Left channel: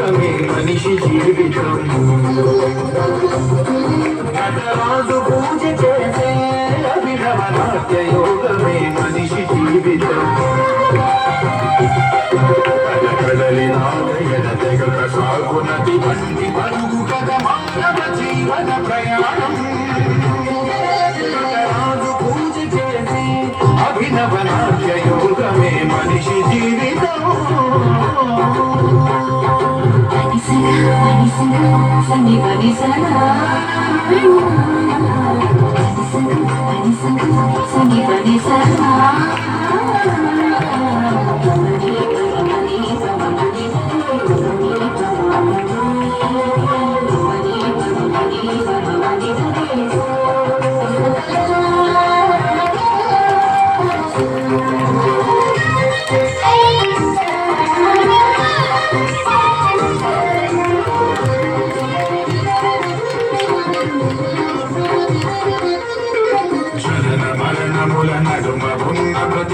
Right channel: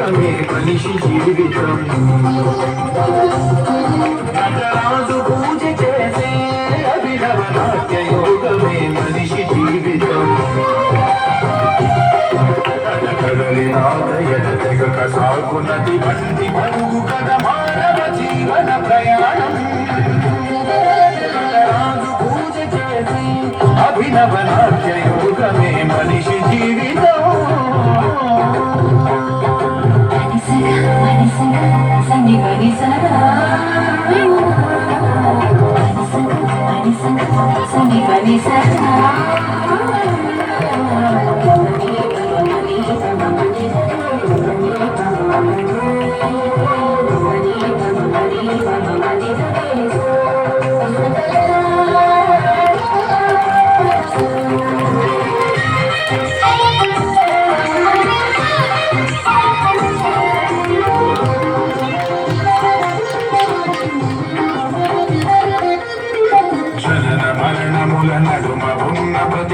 యోగమే మనిషి జీవితం నటరాజు పూజ చేసే అభినవ నాట్య యోగమే మనిషి జీవితం కదలి నాదయన తెగక సాగునది బండి పరుగు కథ మానవ జీవన ప్రయాణం నటరాజు పూజ చేసే అభినవ నాట్య యోగమే మనిషి జీవితం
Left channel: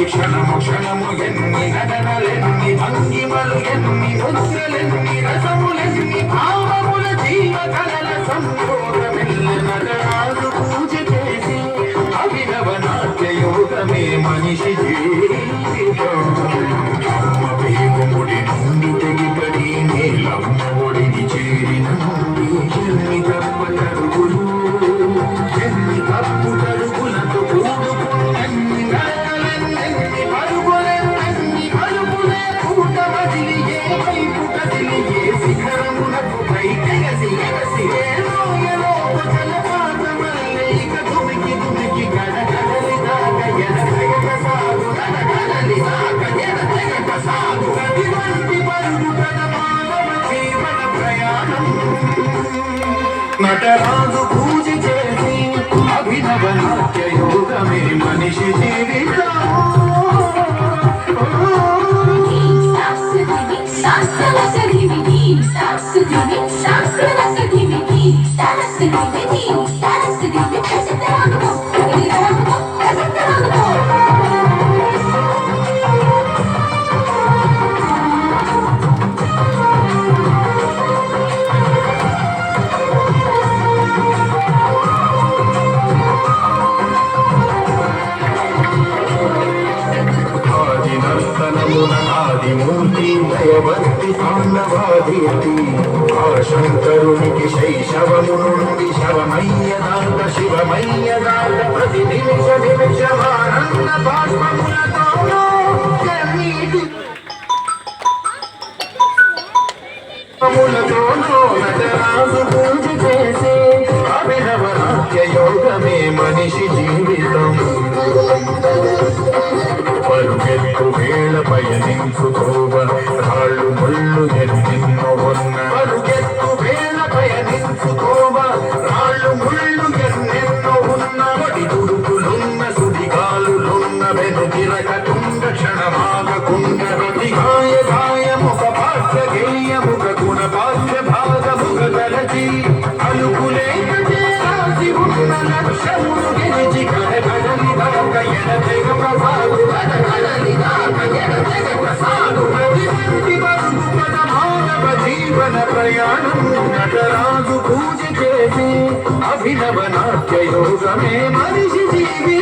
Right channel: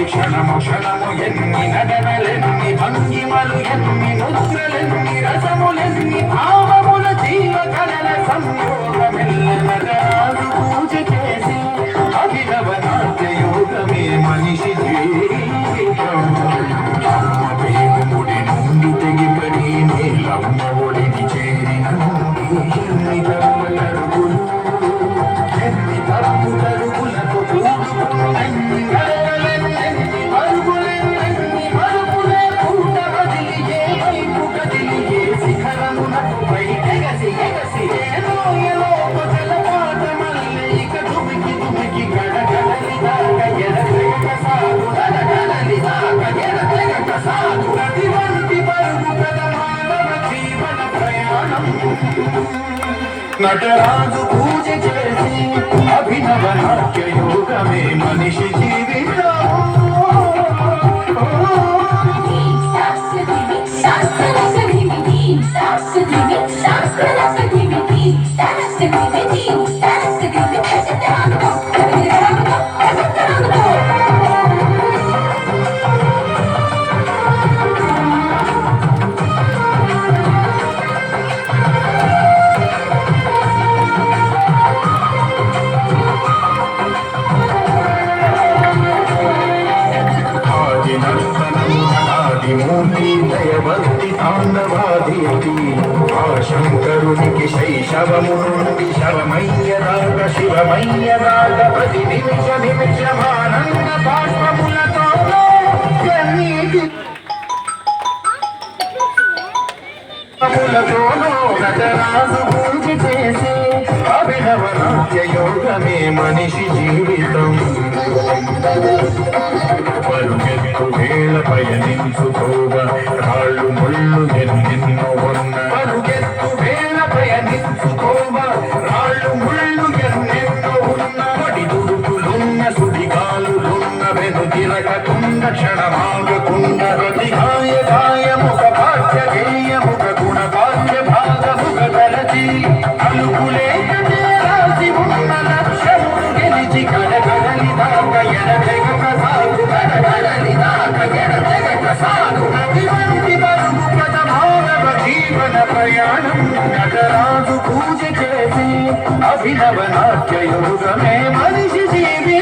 క్షణము క్షణము ఎన్ని నడనలెన్ని భంగిమలు ఎన్ని ముద్రలెన్ని రసములెన్ని భావముల జీవ కళల సంయోగమిల్ల నటరాజు పూజ చేసి అభినవ నాట్య యోగమే మనిషి జీవితం అమ్మ పేగుముడి నుండి తెగిపడి నీలమ్మ ఒడిని చేరిన నుండి ఎన్ని గర్భటరుగులు ఎన్ని తప్పు తరుగులతో కూడుకున్నన్ని నటరాజు పూజ చేసి అభినవ నాట్య యోగమే మనిషి జీవితం దయవర్తి తాండవాదీర్తి ఆ శంకరునికి శైశవము నుండి శరమయ్య దాట శివమయ్య దాట ప్రతి నిమిష నిమిషమానంద బాష్పములతోనూ నటరాజు పూజ చేసే అభినవ నాట్య యోగమే మనిషి జీవితం పరుగెత్తు వేళ పయనించుకోవ రాళ్ళు ముళ్ళు ఎన్నెన్నో ఉన్న పరుగెత్తు వేళ పయనించుకోవ రాళ్ళు ముళ్ళు ఎన్నెన్నో ఉన్న అడి దుడుకులున్న సుడిగాలులున్న వెనుతిరగకుండా క్షణమాగకుండా ప్రతిగాయ గాయముఖ భాగ్య గేయముఖ గుణ భాగ్య భాగముఖ కలచి అలుగులేక రాసి ఉన్న లక్ష్యమును గెలిచి కడగడలి దాక ఎడతెగక సాగు కడగడలి దాక ఎడతెగక సాగు ప్రతివంటి బరువు కథ మానవ జీవన ప్రయాణం నటరాజు పూజ చేసి అభినవ నాట్య యోగమే మనిషి జీవి